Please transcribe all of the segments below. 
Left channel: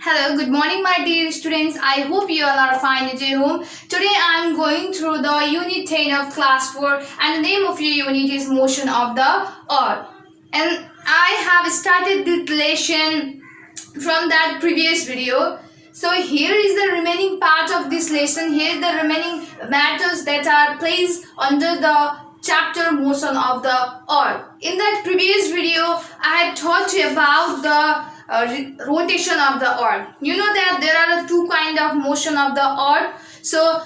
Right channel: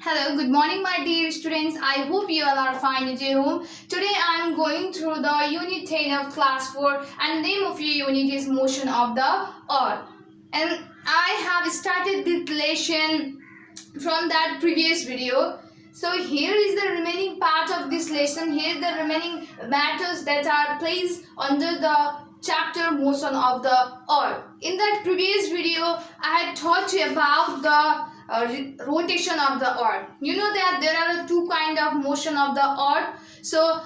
Hello, good morning my dear students. I hope you all are fine at your home. Today I am going through the unit 10 of class 4 and the name of your unit is motion of the earth. And I have started this lesson from that previous video. So here is the remaining part of this lesson. Here is the remaining matters that are placed under the chapter motion of the earth. In that previous video, I had taught you about the rotation of the earth. You know that there are two kind of motion of the earth. So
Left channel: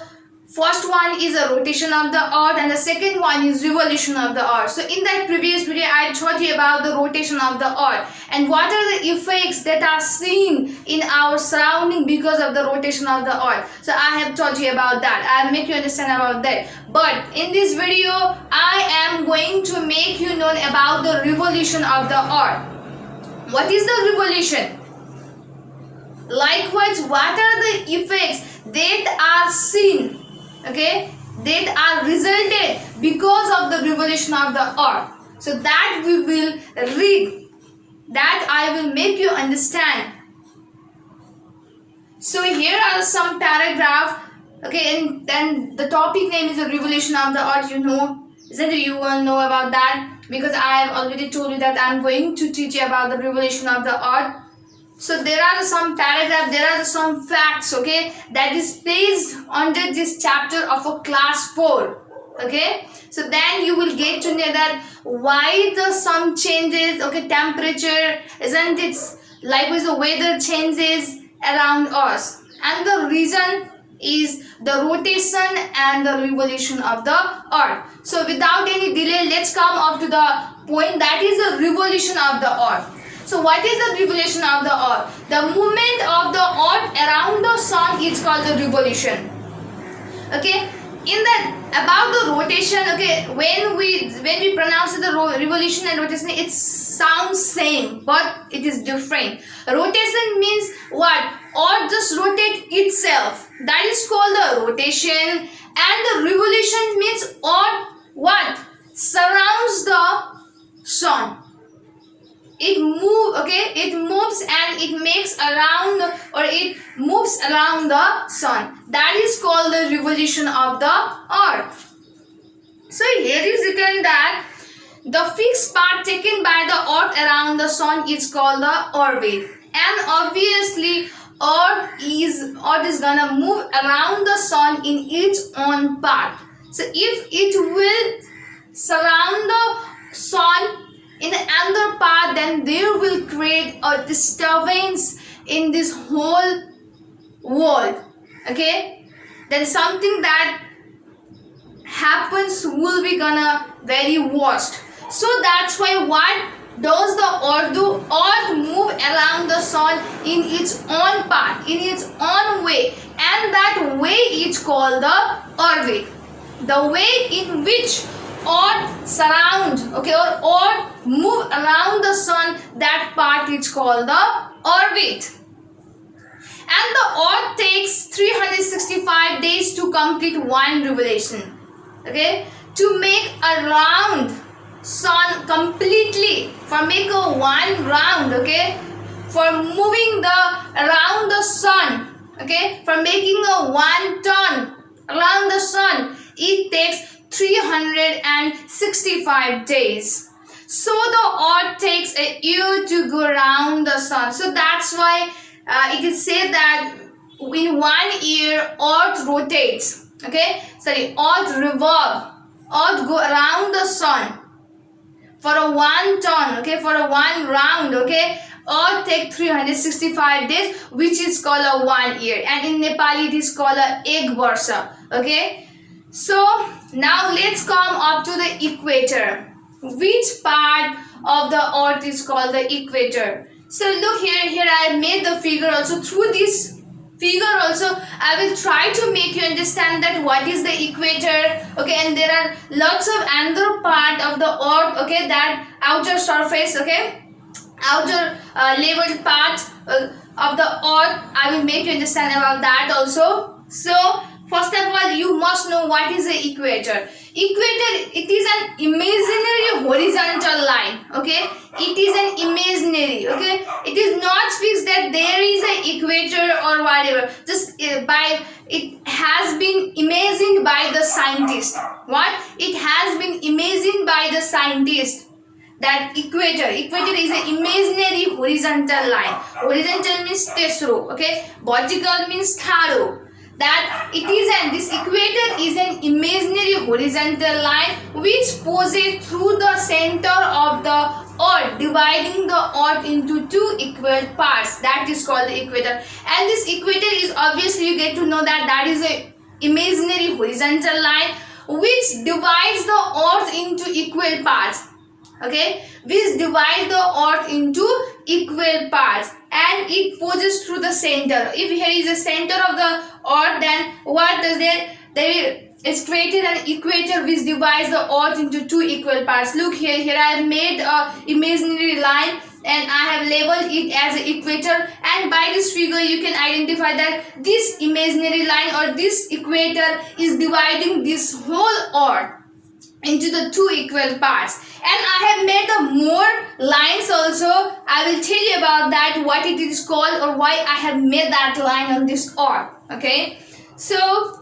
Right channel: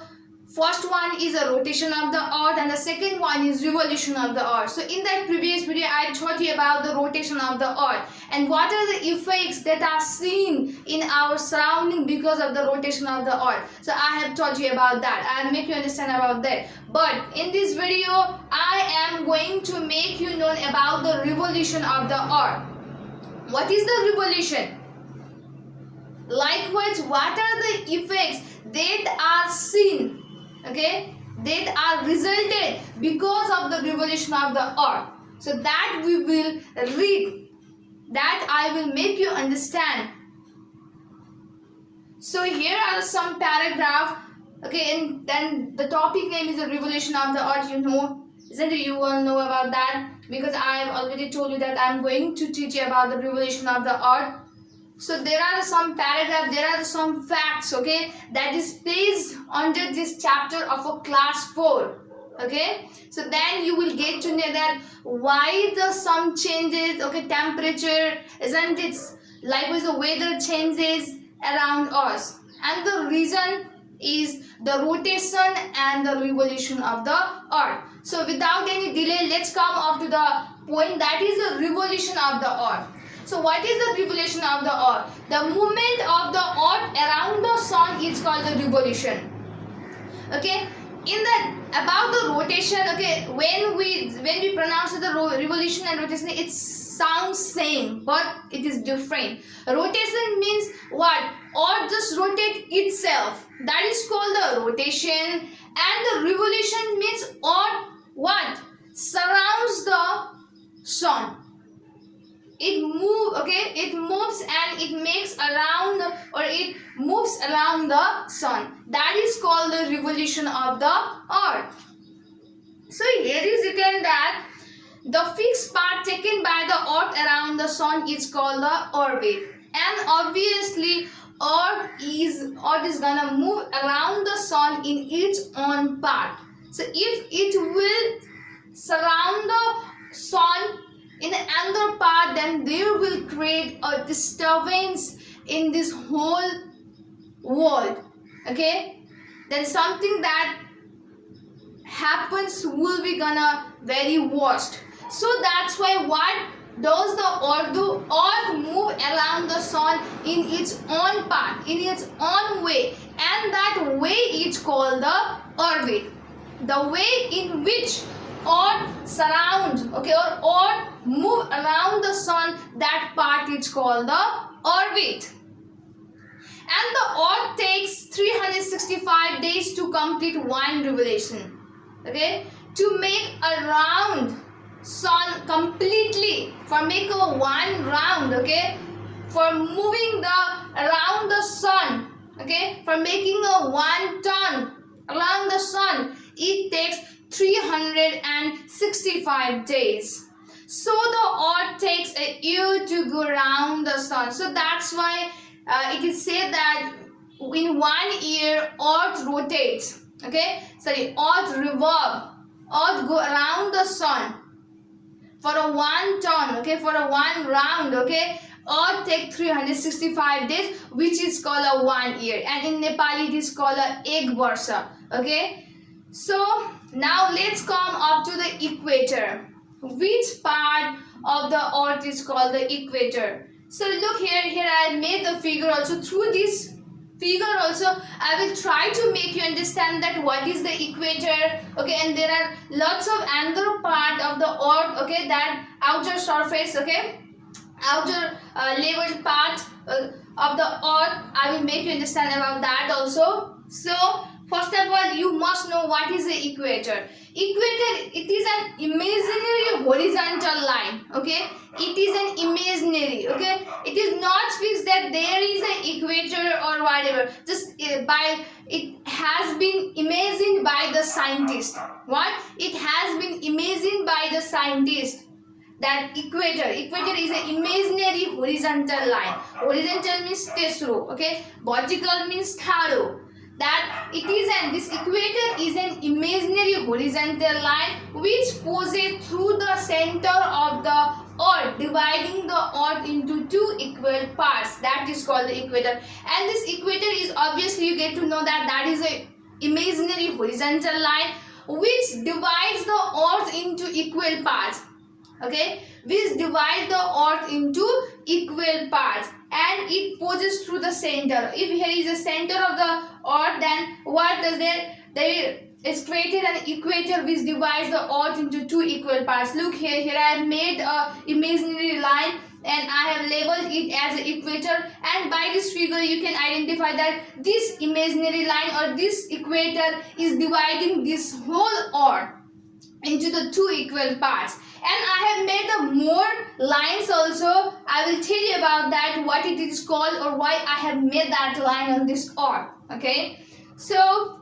first one is a rotation of the earth and the second one is revolution of the earth. So in that previous video I taught you about the rotation of the earth and what are the effects that are seen in our surrounding because of the rotation of the earth. So I have taught you about that. I'll make you understand about that. But in this video I am going to make you know about the revolution of the earth. What is the revolution? Likewise, what are the effects that are seen, okay, that are resulted because of the revolution of the earth? So that we will read, that I will make you understand. So here are some paragraph, okay, and then the topic name is the revolution of the earth. You know, isn't it? You will know about that. Because I have already told you that I am going to teach you about the revolution of the earth. So there are some paragraphs, there are some facts, okay, that is placed under this chapter of a class 4. Okay, so then you will get to know that why the sun changes, okay, temperature, isn't it? Likewise the weather changes around us, and the reason is the rotation and the revolution of the earth. So without any delay, let's come up to the point, that is the revolution of the earth. So what is the revolution of the earth? The movement of the earth around the sun is called the revolution. Okay, in that about the rotation, okay, when we pronounce the revolution and rotation, it sounds same but it is different. Rotation means what? Earth just rotate itself, that is called the rotation. And the revolution means earth what? Surrounds the sun. It moves, okay, it moves and it makes around, or it moves around the sun. That is called the revolution of the earth. So here is written that the fixed path taken by the earth around the sun is called the orbit. And obviously earth is gonna move around the sun in its own path. So if it will surround the sun in another path, then there will create a disturbance in this whole world. Okay, there is something that happens will be gonna very worst. So that's why what does the earth do? Earth move around the sun in its own path, in its own way, and that way is called the orbit. The way in which earth surround, okay, or earth move around the sun, that part is called the orbit. And the earth takes 365 days to complete one revolution, okay, to make a round sun completely, for make a one round, okay, for moving the around the sun, okay, for making a one turn around the sun, it takes 365 days. So the earth takes a year to go around the sun. So that's why it is said that in 1 year earth rotates, okay, sorry, earth revolve, earth go around the sun for a one turn, okay, for a one round, okay, earth take 365 days, which is called a 1 year, and in Nepali it is called a ek varsa. Okay, so now let's come up to the equator. Which part of the earth is called the equator? So look here I made the figure also. Through this figure also I will try to make you understand that what is the equator, okay, and there are lots of another part of the earth, okay, that outer surface, okay, outer level part of the earth. I will make you understand about that also. So first of all, you must know what is the equator. Equator, it is an imaginary horizontal line, okay, it is an imaginary, okay, it is not fixed that or whatever. Just it has been imagined by the scientist. What? It has been imagined by the scientist. That equator is an imaginary horizontal line. Horizontal means tesro, okay? Vertical means tharo. That it is this equator is an imaginary horizontal line which poses through the center of the earth, dividing the earth into two equal parts. That is called the equator. And this equator is, obviously you get to know that is a imaginary horizontal line which divides the earth into equal parts. Okay, which divide the earth into equal parts, and it poses through the center. If here is the center of the earth, then what does there is created an equator which divides the earth into two equal parts. Look here, I have made a imaginary line and I have labeled it as an equator, and by this figure you can identify that this imaginary line or this equator is dividing this whole earth into the two equal parts. And I have made the more lines also. I will tell you about that, what it is called or why I have made that line on this earth. Okay, so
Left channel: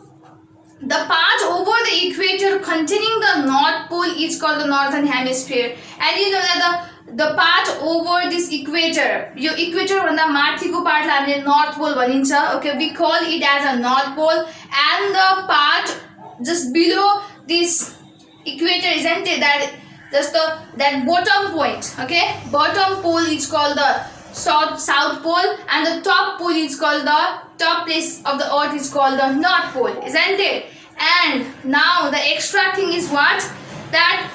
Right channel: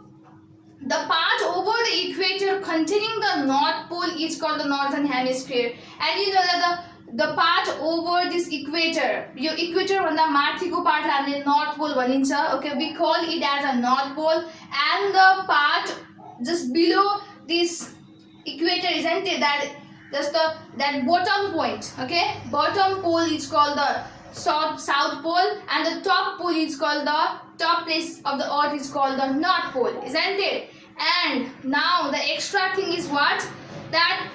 the part over the equator containing the North Pole is called the Northern Hemisphere. And you know that the part over this equator, your equator भन्दा माथिको part हामीले North Pole भनिन्छ. Okay, we call it as a North Pole, and the part just below this equator, isn't it, that just that bottom point, okay, bottom pole is called the south pole, and the top pole is called the top place of the earth is called the North Pole, isn't it? And now the extra thing is what? That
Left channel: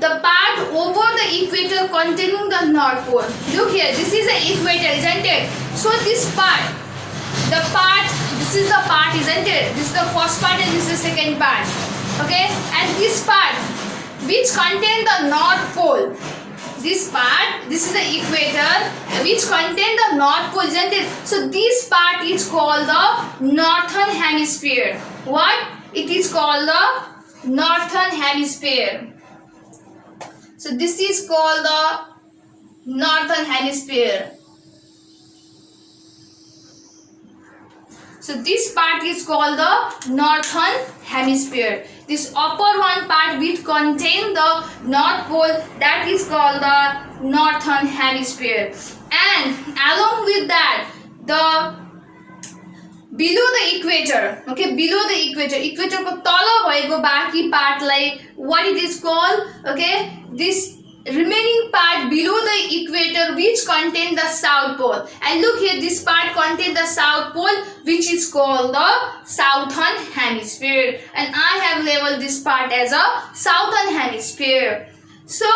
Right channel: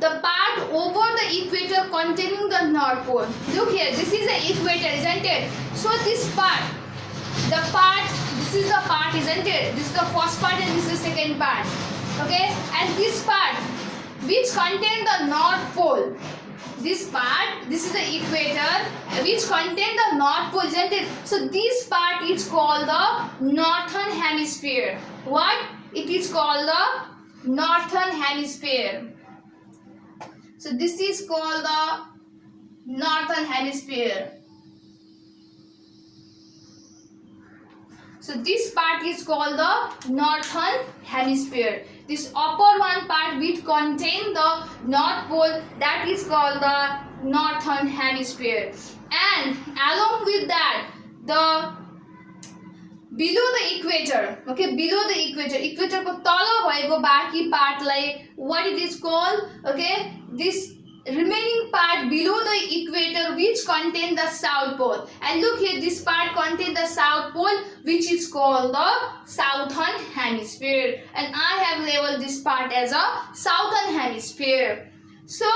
the part over the equator containing the North Pole. Look here, this is the equator, isn't it? So this part, this is the part, isn't it? This is the first part and this is the second part. Okay, and this part which contain the North Pole, this part, this is the equator which contain the North Pole, isn't it? So this part is called the Northern Hemisphere. What? It is called the Northern Hemisphere. So this is called the Northern Hemisphere. So this part is called the Northern Hemisphere. This upper one part which contain the North Pole, that is called the Northern Hemisphere. And along with that, the below the equator, okay, below the equator ko tala bhayeko baki part lai what it is called, okay, this remaining part below the equator which contain the South Pole. And look here, this part contain the South Pole which is called the Southern Hemisphere, and I have labeled this part as a Southern Hemisphere. So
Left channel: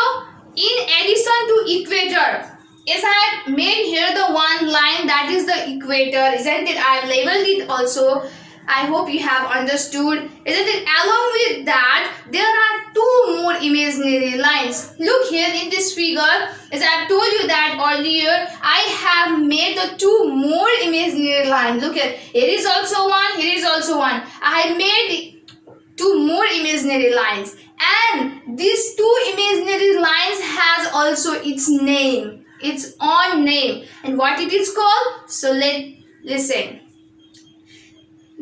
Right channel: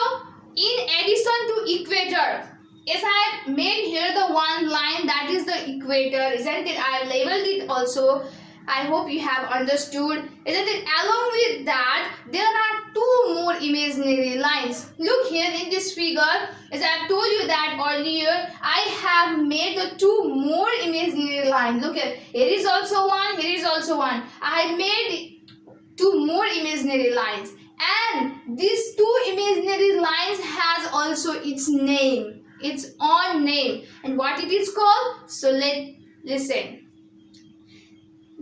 in addition to equator, yes, I have made here the one line that is the equator, isn't it? I have labeled it also. I hope you have understood, isn't it? Along with that, there are two more imaginary lines. Look here in this figure, as I have told you that earlier, I have made the two more imaginary lines. Look here, here is also one, here is also one. I have made two more imaginary lines, and these two imaginary lines has also its name, its own name, and what it is called? So listen.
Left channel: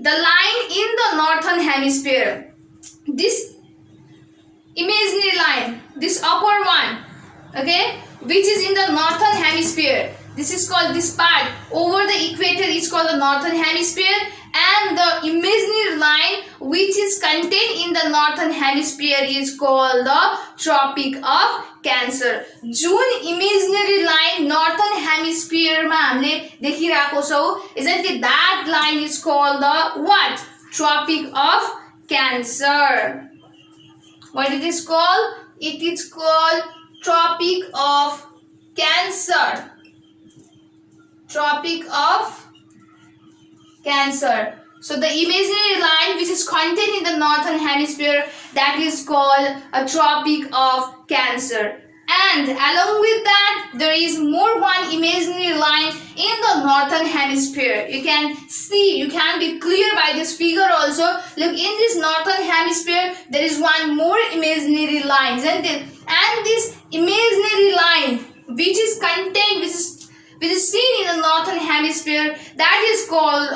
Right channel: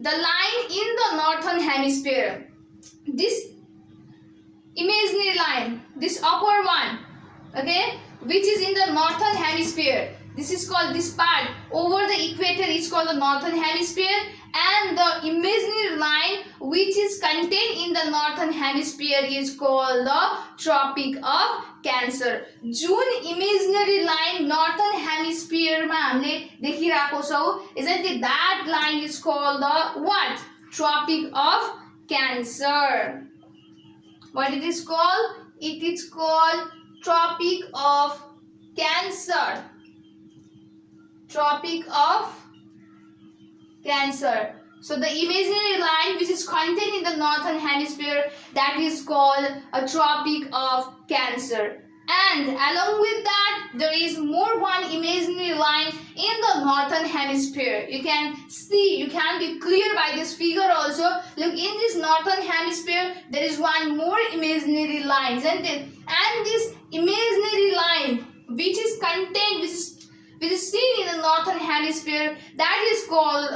The line in the Northern Hemisphere, this imaginary line, this upper one, okay, which is in the Northern Hemisphere, this is called, this part over the equator is called the Northern Hemisphere, and the imaginary line which is contained in the Northern Hemisphere is called the Tropic of Cancer. Jun imaginary line Northern Hemisphere मा हामीले देखिरहेको छौं, isn't it? That line is called the what? Tropic of Cancer. What it is called? It is called Tropic of Cancer. Tropic of Cancer. So the imaginary line which is contained in the Northern Hemisphere, that is called a Tropic of Cancer. And along with that, there is more one imaginary line in the Northern Hemisphere. You can see, you can be clear by this figure also. Look, in this Northern Hemisphere, there is one more imaginary line, isn't it? And this imaginary line which is contained, which is seen in the northern hemisphere, that is called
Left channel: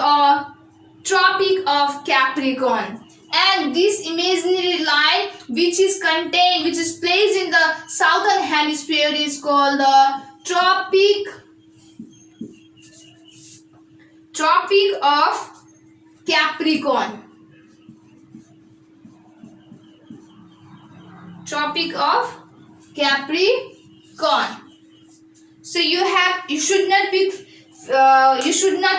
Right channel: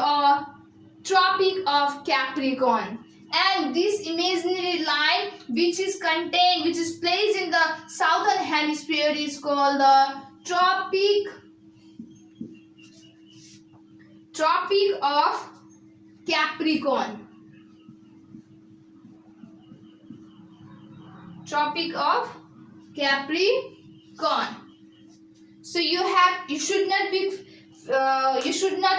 Tropic of Capricorn. And this imaginary line which is placed in the southern hemisphere is called the Tropic of Capricorn. Tropic of Capricorn. So you should not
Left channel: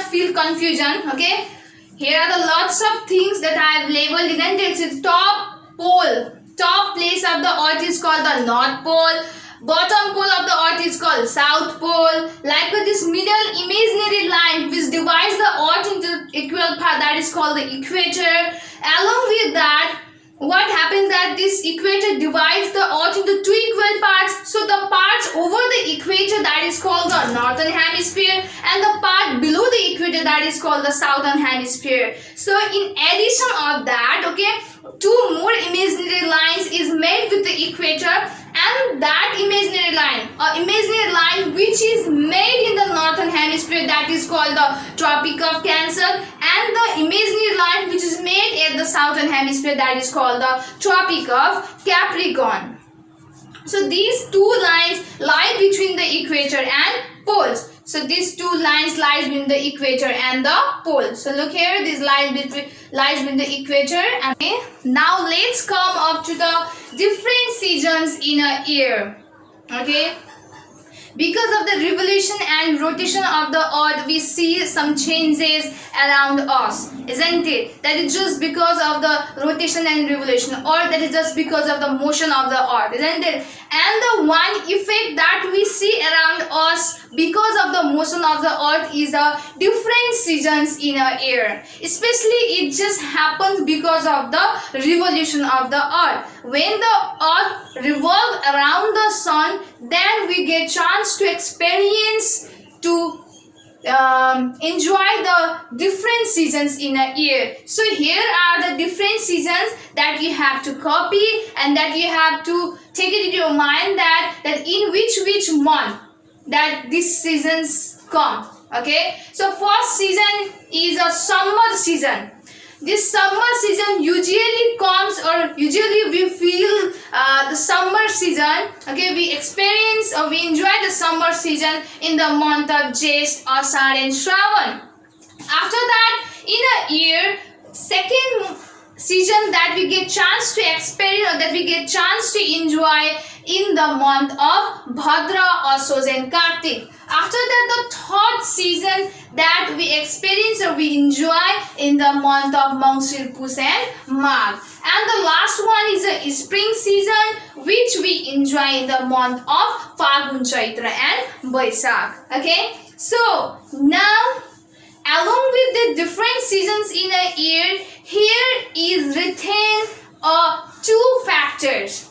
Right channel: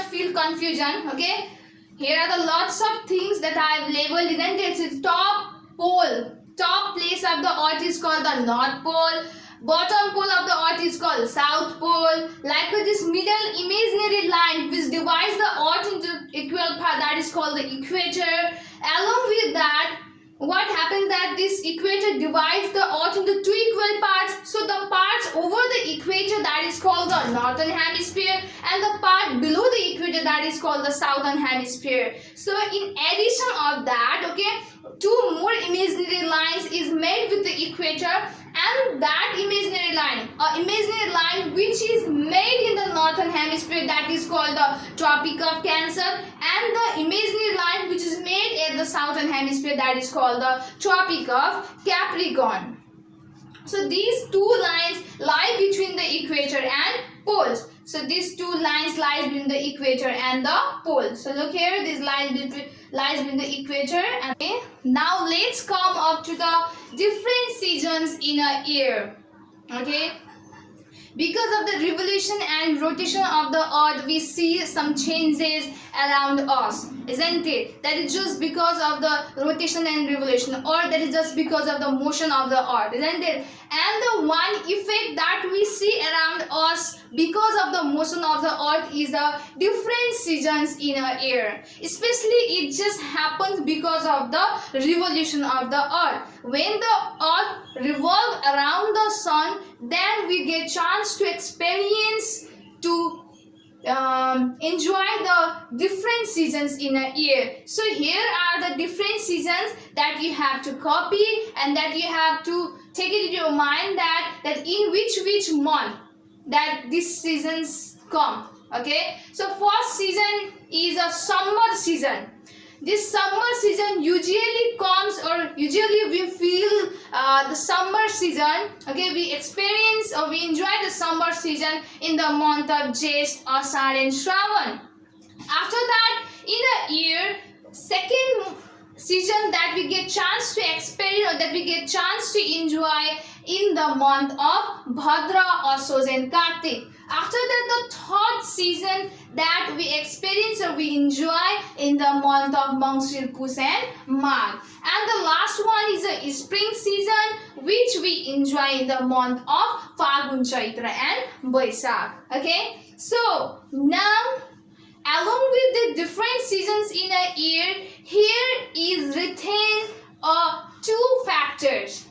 feel confusion. Okay, here are the lots of things that I have labeled. Isn't it? It's top pole, top place of the earth is called the North Pole. Bottom pole of the earth is called South Pole. Like with this middle imaginary line which divides the earth into equal part, that is called the equator. Along with that, what happens that this equator divides the earth into two equal parts. So the parts over the equator, that is called the northern hemisphere, and the part below the equator, that is called the southern hemisphere. So in addition of that, okay, two more imaginary lines is made with the equator, and that imaginary line which is made in the northern hemisphere, that is called the Tropic of Cancer, and the imaginary line which is made at the southern hemisphere, that is called the Tropic of Capricorn. So these two lines lie between the equator and poles. So these two lines lie between the equator and the pole. So look here, this lies between the equator. Okay. Now let's come up to the different seasons in a year. Okay. Because of the revolution and rotation of the earth, we see some changes around us, isn't it? That is just because of the rotation and revolution, or that is just because of the motion of the earth, isn't it? And the one effect that we see around us because of the motion of the earth is the different seasons in a year. Especially it just happens because of the revolution of the earth. When the earth revolves around the sun, then we get chance to experience, to enjoy the different seasons in a year. So here are the different seasons that you have to copy, and that you have to take it in your mind that in which month that these seasons come. Okay, so first season is a summer season. This summer season usually comes, or usually we feel the summer season. Okay, we experience or we enjoy the summer season in the month of Jaish, Ashad and Shravan. After that, in a year, second season that we get chance to experience, or that we get chance to enjoy in the month of Bhadra, Ashoj and Kartik. After that, the third season that we experience or we enjoy in the month of Mangsir, Push and Magh. And the last one is a spring season which we enjoy in the month of Phalgun, Chaitra and Baisakh. Okay, so now along with the different seasons in a year, here is written two factors.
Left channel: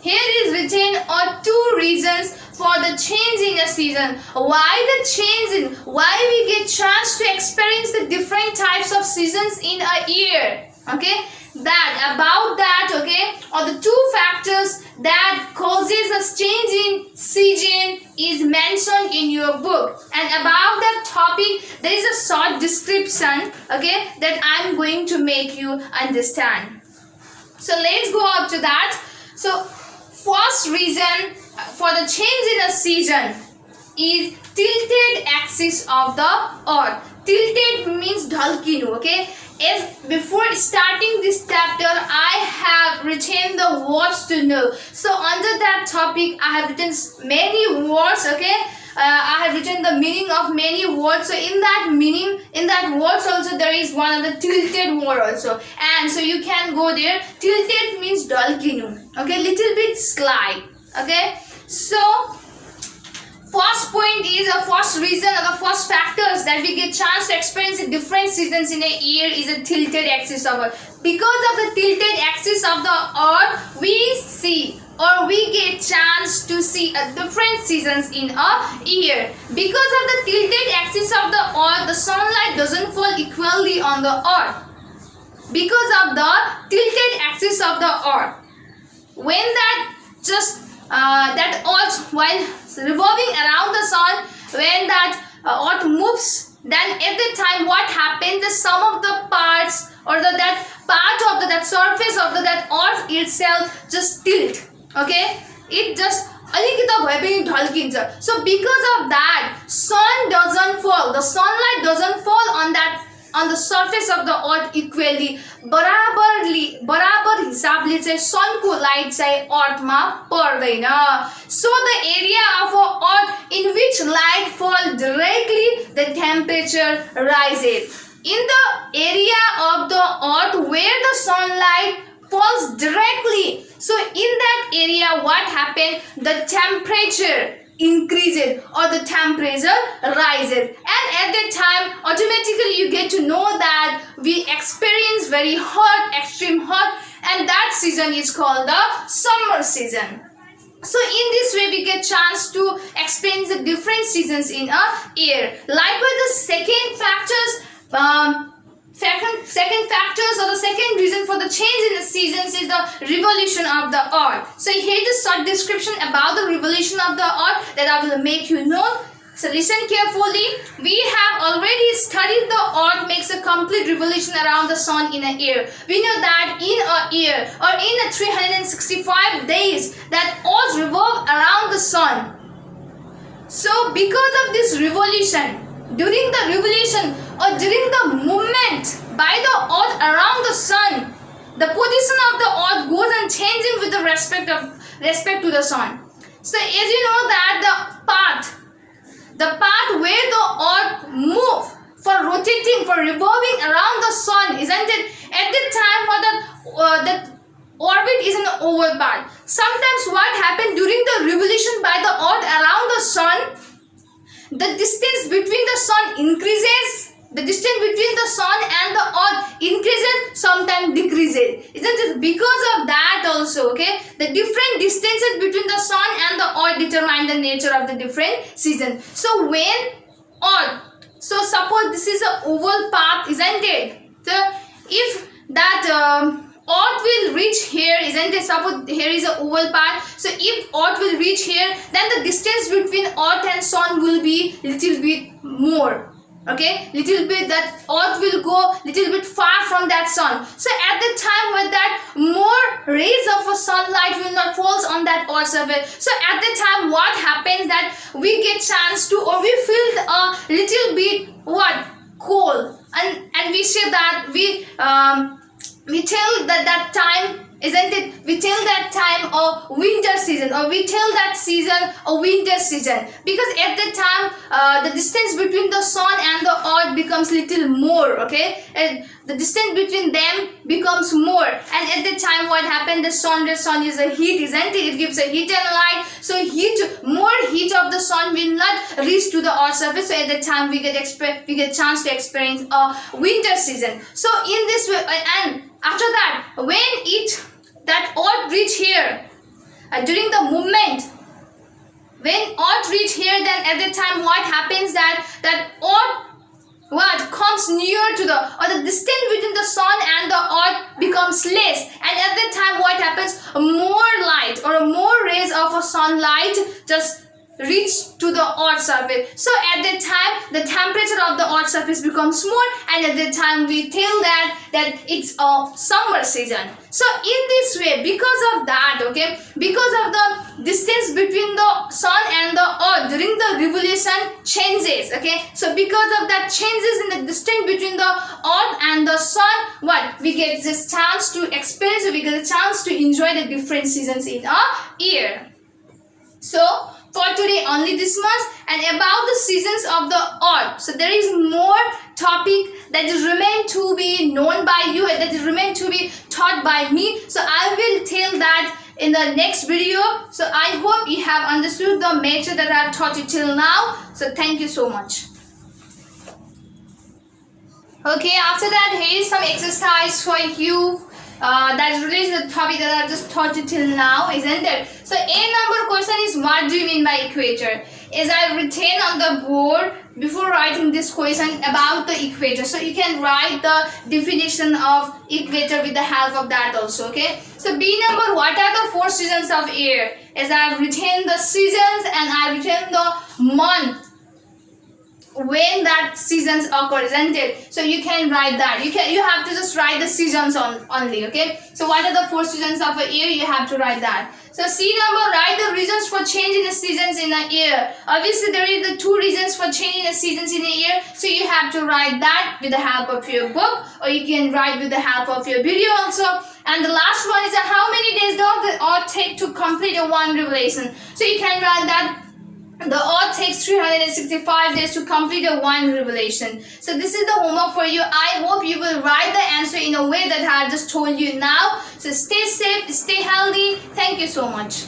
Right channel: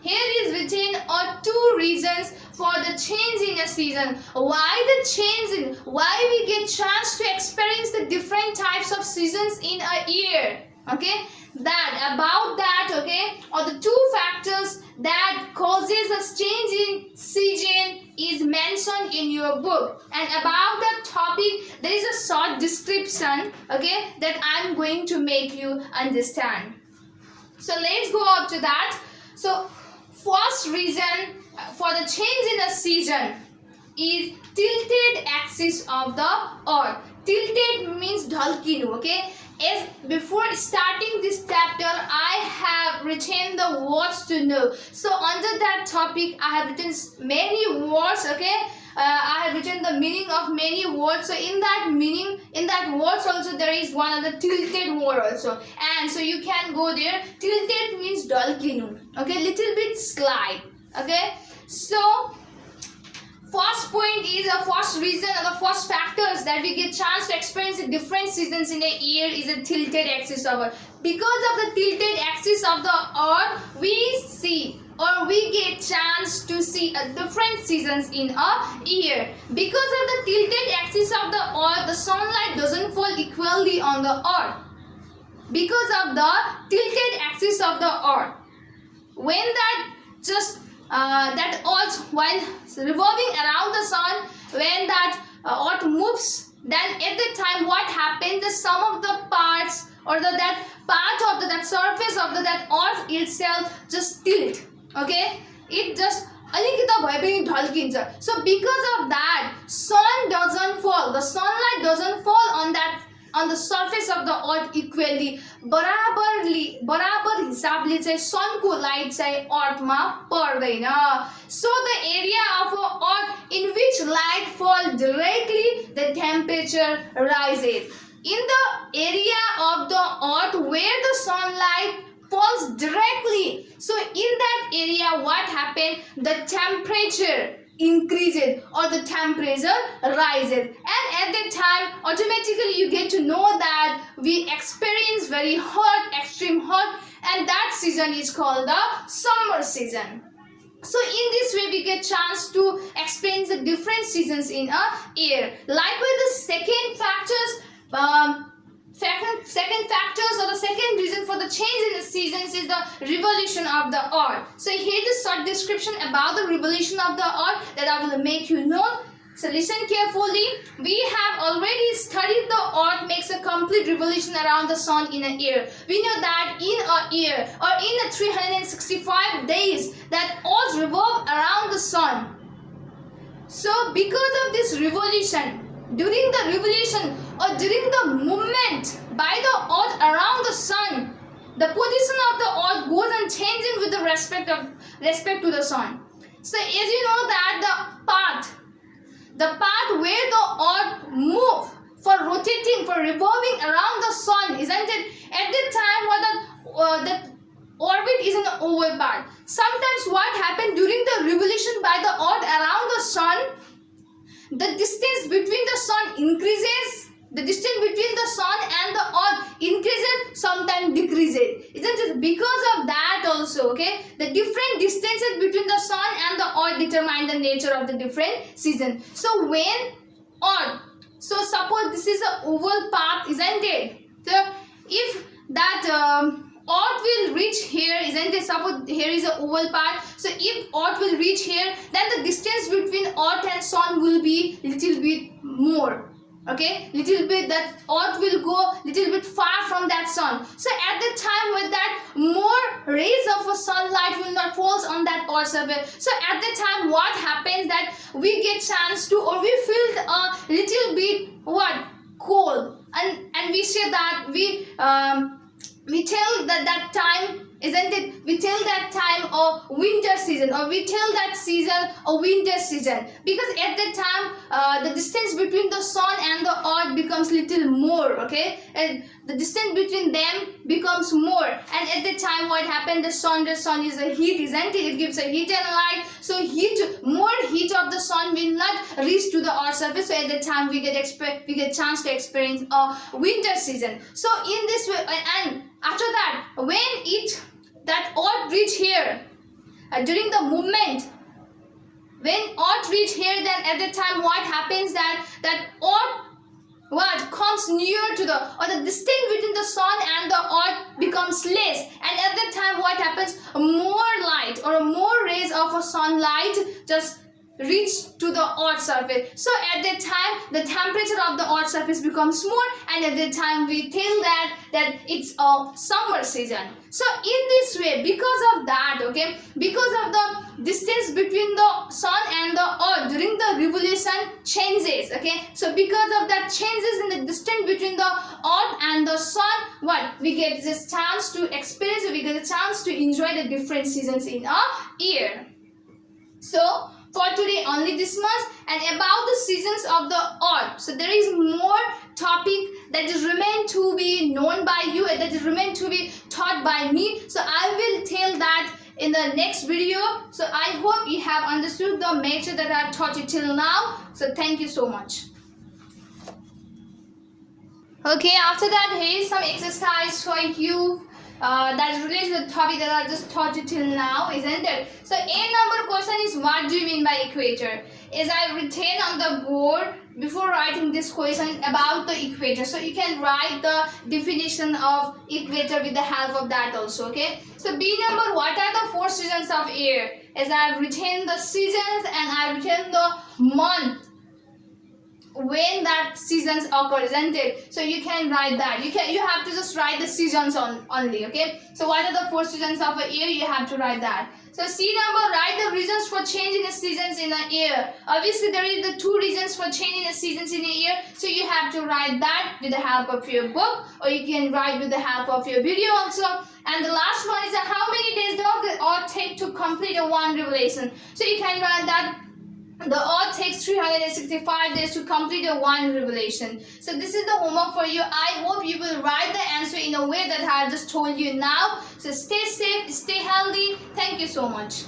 Here is written two reasons for the change in a season. Why the change? Why we get chance to experience the different types of seasons in a year? Okay, okay, or the two factors that causes a change in season is mentioned in your book. And about that topic, there is a short description, okay, that I am going to make you understand. So let's go up to that. So first reason for the change in a season is tilted axis of the earth. Tilted means dhalkinu, okay? As before starting this chapter, I have written the words to know. So under that topic, I have written many words, okay? I have written the meaning of many words. So in that meaning, in that words also there is one of the tilted word also. And so you can go there. Tilted means dhalkinu, okay? Little bit slide, okay? So first point is the first reason or the first factors that we get chance to experience the different seasons in a year is a tilted axis of earth. Because of the tilted axis of the earth, we see or we get chance to see a different seasons in a year. Because of the tilted axis of the earth, the sunlight doesn't fall equally on the earth. Because of the tilted axis of the earth, when that earth while revolving around the sun, when that earth moves, then at the time what happens, the sum of the parts or that part of that surface of that earth itself just tilt. Okay, it just alikita bhaye pani ढल्किन्छ. So because of that, sun doesn't fall, the sunlight doesn't fall on the surface of the earth equally. बराबर हिसाबले चाहिँ सनको light चाहिँ अर्थमा पर्दैन. So the area of earth in which light fall directly, the temperature rises. In the area of the earth where the sunlight falls directly, so in that area what happens, the temperature increases or the temperature rises, and at that time automatically you get to know that we experience very hot, extreme hot, and that season is called the summer season. So in this way we get chance to experience the different seasons in a year. Likewise, the second factors or the second reason for the change in the seasons is the revolution of the earth. So here is a short description about the revolution of the earth that I will make you know. So listen carefully. We have already studied the earth makes a complete revolution around the sun in a year. We know that in a year or in a 365 days that earth revolve around the sun. So because of this revolution, during the revolution or during the movement by the earth around the sun, the position of the earth goes on changing with the respect to the sun. So as you know that the path where the earth move for rotating, for revolving around the sun, isn't it? At the time when the orbit is an oval path. Sometimes what happened during the revolution by the earth around the sun, the distance between the sun increases, the distance between the sun and the earth increases, sometimes decreases. Isn't it? Because of that also, okay, the different distances between the sun and the earth determine the nature of the different seasons. So when earth, so suppose this is an oval path, isn't it? So if that earth will reach here, isn't it? Suppose here is an oval path. So if earth will reach here, then the distance between earth and sun will be little bit more. Okay, little bit, that earth will go little bit far from that sun. So at the time when that more rays of a sunlight will not falls on that earth surface, so at the time what happens that we get chance to, or we feel a little bit what cold, and we say that we tell that time, isn't it? We tell that time of winter season, or we tell that season a winter season, because at the time the distance between the sun and the earth becomes little more, okay, and the distance between them becomes more, and at the time what happened, the sun is a heat, isn't it? It gives a heat and light, so more heat of the sun will not reach to the earth surface, so at the time we get chance to experience a winter season. So in this way, and after that, when that earth reach here, during the movement, when earth reach here, then at the time what happens, that earth what comes near to the distance between the sun and the earth becomes less, and at that time what happens, more light or more rays of a sunlight just reach to the earth surface. So at that time the temperature of the earth surface becomes more, and at that time we tell that it's a summer season. So in this way, because of that, okay, because of the distance between the sun and the earth during the revolution changes, okay, so because of that changes in the distance between the earth and the sun, what we get this chance to experience, we get a chance to enjoy the different seasons in a year. So for today only this much, and about the seasons of the earth, so there is more topic that is remain to be known by you, that is remain to be taught by me, so I will tell that in the next video. So I hope you have understood the matter that I have taught you till now. So thank you so much. Okay, after that, here is some exercise for you that is related to the topic that I just taught you till now, isn't it? So A number question is, what do you mean by equator? Is I written on the board before writing this question about the equator. So you can write the definition of equator with the help of that also, okay? So B number, what are the 4 seasons of year? As I have written the seasons and I have written the month when that seasons occur, isn't it? So you can write that. You have to just write the seasons only. Okay, so what are the 4 seasons of a year? You have to write that. So C number, write the reasons for changing the seasons in a year. Obviously there is the 2 reasons for changing the seasons in a year, so you have to write that with the help of your book, or you can write with the help of your video also. And the last one is how many days does the earth take to complete a one revelation? So you can write that the earth takes 365 days to complete a one revelation. So this is the homework for you. I hope you will write the answer in a way that I have just told you now. So stay safe, stay healthy. Thank you so much.